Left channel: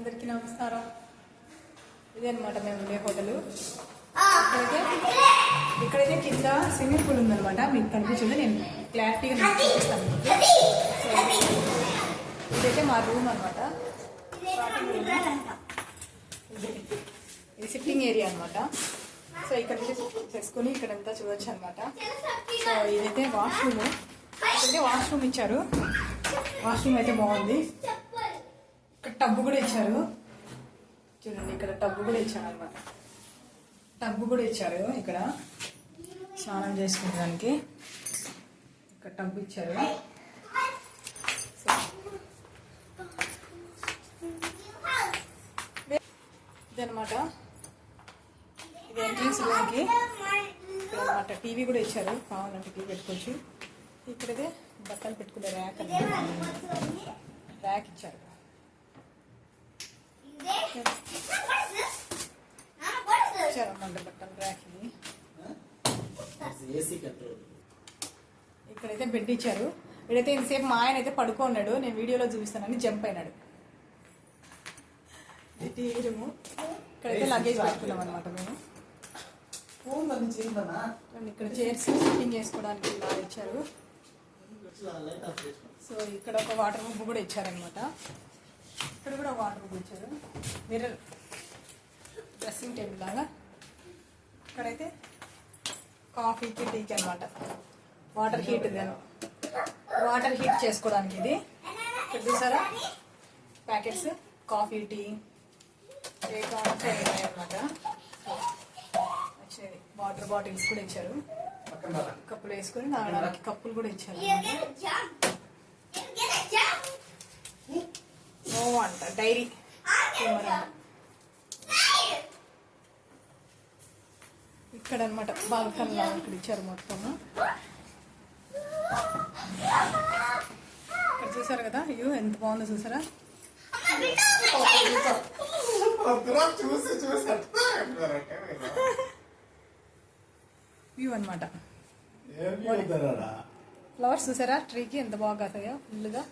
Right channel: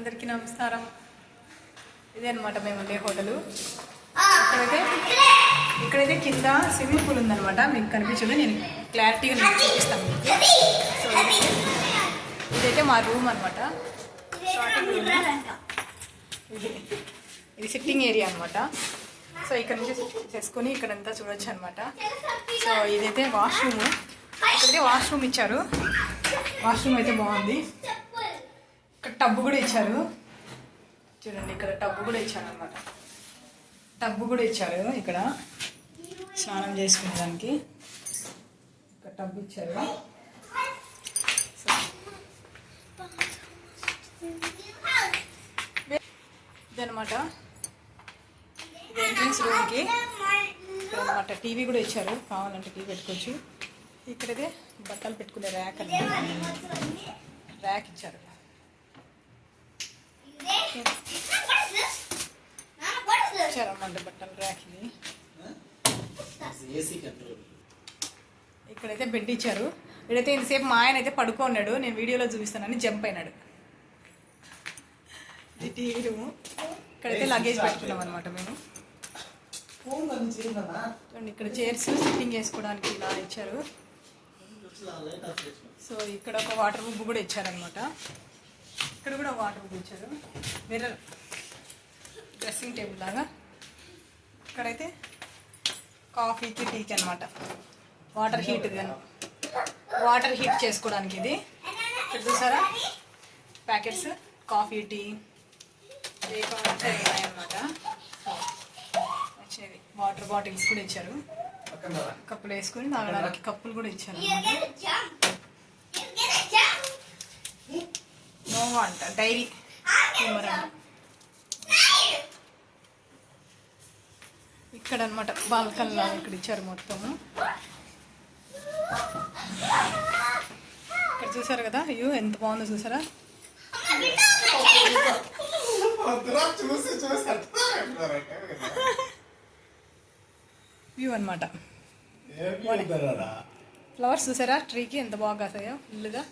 అందరికీ నమస్కారం. ఇదే అనమాట మేము ఉండే హోటలు. ఇక్కడైతే ఇక్కడైతే కింద స్విమ్మింగ్ పూల్ ఉందన్నమాట. మీకు కనిపించదు నేను క్లారిటీగా నేను చూపిస్తాను. మీకు సో ఇది- ఇదైతే మా రూమ్ అనమాట ఇది ఇది సిట్టింగ్ ఏరియా అనమాట సో ఇక్కడ నుంచి చేసుకొని ఇక్కడంతా చూడొచ్చు అనమాట సో ఇదైతే వాష్రూమ్. ఇక్కడైతే వాష్రూమ్ ఇచ్చారు. వాష్రూమ్ అయితే బాగుంది. టబ్బు కూడా ఇచ్చారు. చూడండి ఇక్కడ టబ్బు కూడా ఇచ్చారు అనమాట టబ్బు కూడా ఇచ్చారు ఇక్కడ. స్నానం చేసుకునేదానికి ఇక్కడ టబ్బు ఇచ్చారు. ఇదనమాట ఇది ఎంట్రన్స్ రూమ్కి అనమాట టీవీ కూడా ఇచ్చారు. కావాలంటే టీవీ పెట్టుకోవచ్చు. ఇక్కడైతే బట్టలు పెట్టుకునే ర్యాక్ అనమాట ర్యాక్ ఇచ్చారు ఇచ్చారన్నమాట బట్టలు ర్యాక్ ఇది ఏసీ కంట్రోల్ ఇక్కడైతే బెడ్ ఇచ్చారు. ఇక్కడైతే ఇంతసేపు మా ఆయన అయితే పడుకోన్నాడు నేను వీడియోలో చూపిస్తానని జంప్ అయినాడు. టీవీ రూము ఇక్కడైతే లగేజ్ పెట్టుకున్నాం అనమాట మేము. ఇక్కడ చైర్స్ సిట్టింగ్ చేసుకోవడానికి ఇలా ఇచ్చారు. సో ఇక్కడ ఒక వాటర్ బుక్ కూడా ఇచ్చారనమాట ఇక్కడ కూడా వాటర్ ఇచ్చారు మిర్రర్ డ్రెస్సింగ్ టేబుల్ లాగా. ఇక్కడైతే కాఫీకి టీకి అనమాట వాటర్ హీట్ వాటర్ హీట్ చేసుకోవడానికి ఇది. ఇక్కడ చూసారా? ప్యాకెట్స్ కాఫీ టీ ఏ కావాలంటే ఉన్నాయన్నమాట. వచ్చినవి. వాటర్ బాటిల్స్ కూడా ఇచ్చారు. కప్పులు వేసుకొని తాగడానికి కప్పులు కూడా ఇచ్చారు. నోవా అంట డైరీ. ఇక్కడ అనమాట బాల్కన్ లాగా ఇక్కడ ఇచ్చారు మొత్తము. ఇక్కడ చూసారు కదా అయ్యో ఎంత బాగుందో చూసారా? చూసి. వ్యూ అనమాట? ఫ్లవర్స్ చూసారా? ట్రీకి ఎంత బాగా కాసాయో ఫుల్గా